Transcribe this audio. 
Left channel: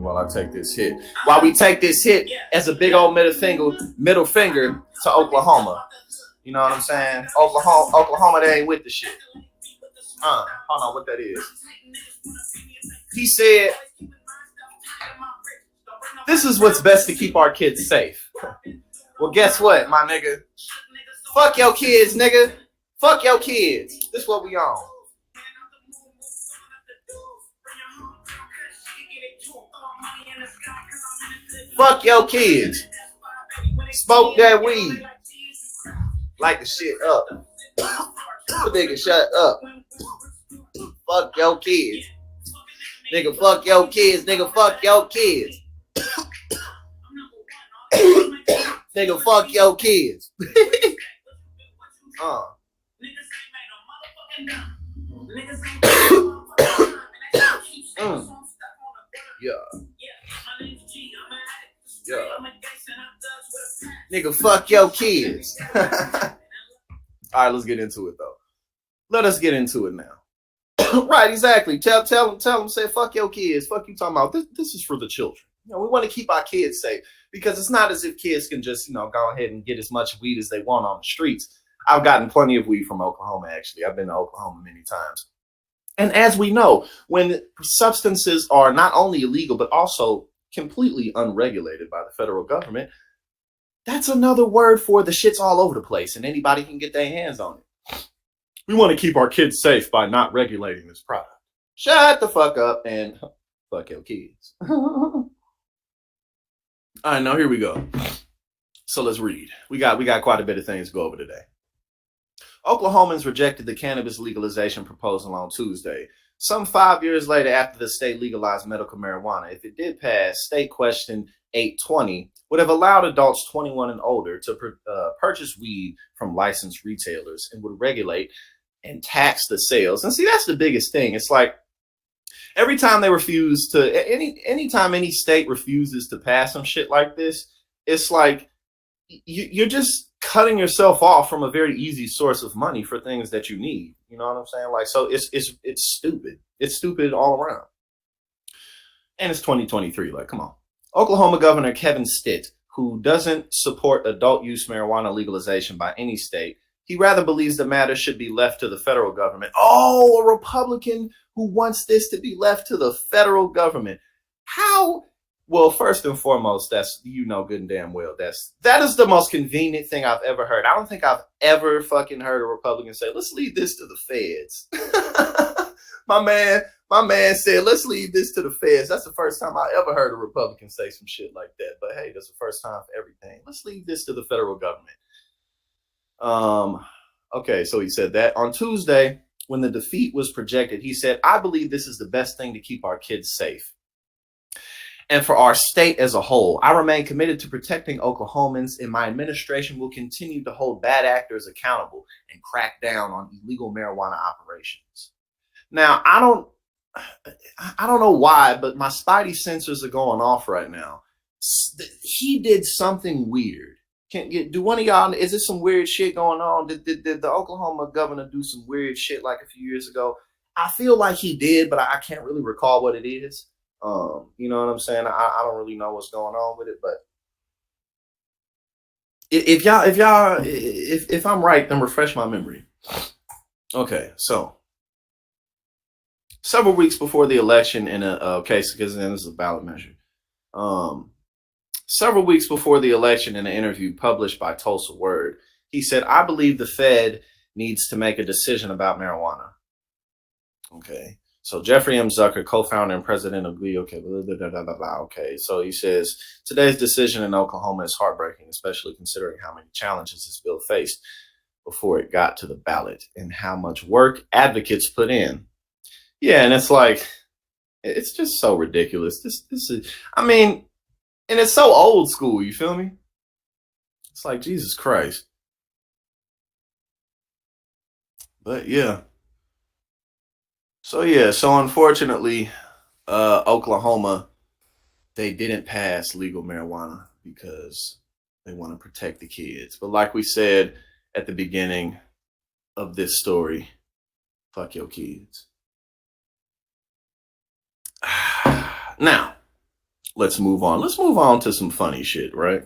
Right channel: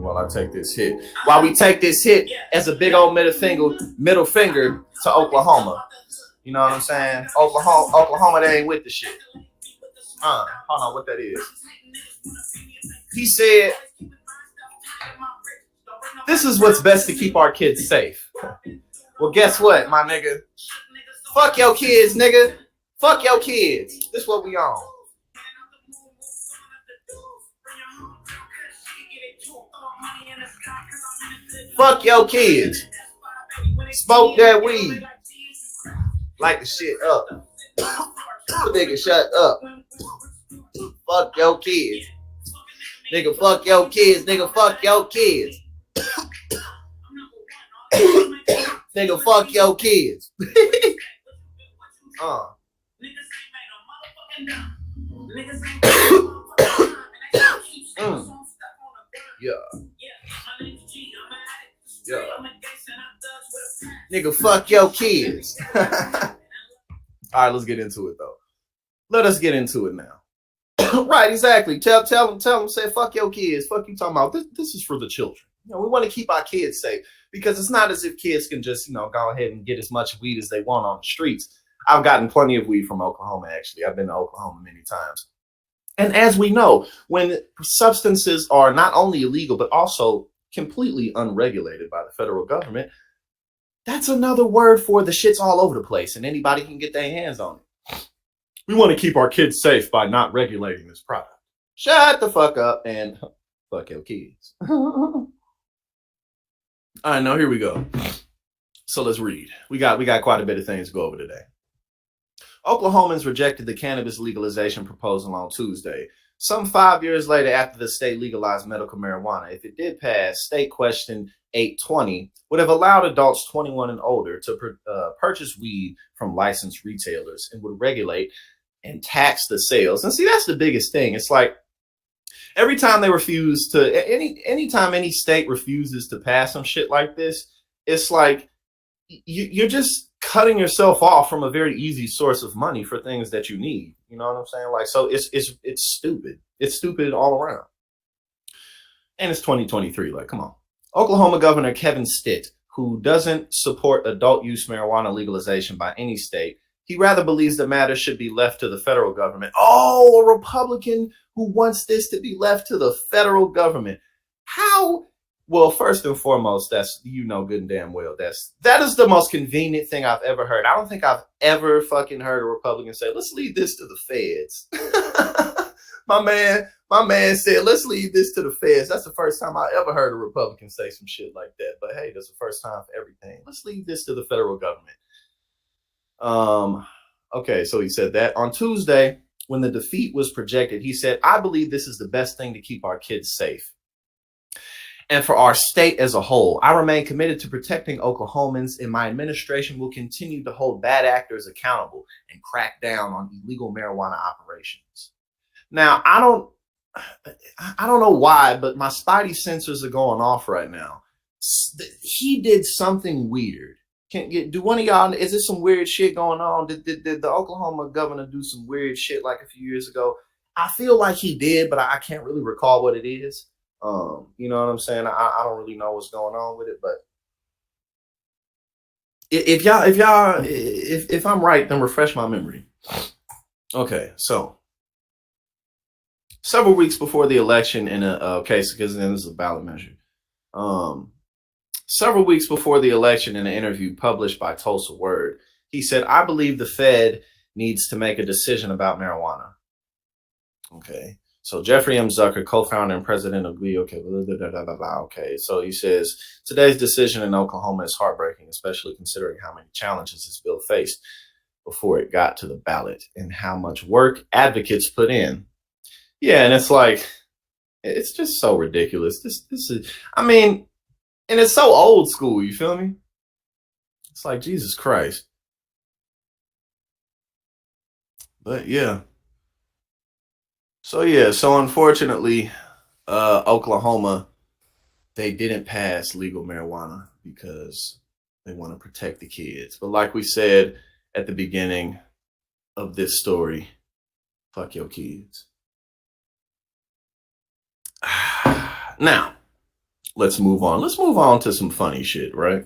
me while I take this hit. While we take this hit as a big old middle finger to Oklahoma. You know what I'm saying? Oklahoma, they ain't with the shit. Hold on, what that is. He said, this is what's best to keep our kids safe. Well, guess what, my nigga? Fuck your kids, nigga. Fuck your kids. This is what we on. Fuck your kids. Smoke that weed. Light the shit up. Nigga, shut up. Fuck your kids. Nigga, fuck your kids. Nigga, fuck your kids. Nigga, fuck your kids. Yeah. Yeah. Nigga, fuck your kids. All right, let's get into it though. Let us get into it now. Right, exactly. Tell them, say, fuck your kids. Fuck you talking about. This is for the children. You know, we want to keep our kids safe because it's not as if kids can just, you know, go ahead and get as much weed as they want on the streets. I've gotten plenty of weed from Oklahoma, actually. I've been to Oklahoma many times. And as we know, when substances are not only illegal, but also completely unregulated by the federal government, that's another word for the shit's all over the place and anybody can get their hands on it. We want to keep our kids safe by not regulating this product. Shut the fuck up and fuck your kids. All right, now here we go. So let's read. We got quite a bit of things to go over today. Oklahomans rejected the cannabis legalization proposal on Tuesday, some 5 years later after the state legalized medical marijuana. If it did pass, State Question 820 would have allowed adults 21 and older to purchase weed from licensed retailers and would regulate and tax the sales. And see, that's the biggest thing. It's like every time they refuse to, anytime any state refuses to pass some shit like this, it's like you're just cutting yourself off from a very easy source of money for things that you need. You know what I'm saying? Like, so it's stupid. It's stupid all around. And it's 2023. Like, come on. Oklahoma Governor Kevin Stitt, who doesn't support adult use marijuana legalization by any state, he rather believes the matter should be left to the federal government. Oh, a Republican who wants this to be left to the federal government. How? Well, first and foremost, that's, you know, good and damn well, that is the most convenient thing I've ever heard. I don't think I've ever fucking heard a Republican say, let's leave this to the feds. My man said, let's leave this to the feds. That's the first time I ever heard a Republican say some shit like that. But hey, that's the first time for everything. Let's leave this to the federal government. Okay, so he said that. On Tuesday, when the defeat was projected, he said, I believe this is the best thing to keep our kids safe. And for our state as a whole, I remain committed to protecting Oklahomans, and my administration will continue to hold bad actors accountable and crack down on illegal marijuana operations. Now, I don't know why, but my spidey sensors are going off right now. He did something weird. Do one of y'all, is there some weird shit going on? Did the Oklahoma governor do some weird shit like a few years ago? I feel like he did, but I can't really recall what it is. You know what I'm saying? I don't really know what's going on with it, but if I'm right, then refresh my memory. Okay, so several weeks before the election in a case, because then this is a ballot measure. Several weeks before the election, in an interview published by Tulsa Word, he said, I believe the Fed needs to make a decision about marijuana. Okay. So Jeffrey M. Zucker, co-founder and president of GLE, okay, so he says, today's decision in Oklahoma is heartbreaking, especially considering how many challenges this bill faced before it got to the ballot and how much work advocates put in. Yeah, and it's like, it's just so ridiculous. This is, I mean, and it's so old school, you feel me? It's like, Jesus Christ. But yeah. So unfortunately, Oklahoma, they didn't pass legal marijuana because they want to protect the kids. But like we said at the beginning of this story, fuck your kids. Now, let's move on. Let's move on to some funny shit, right?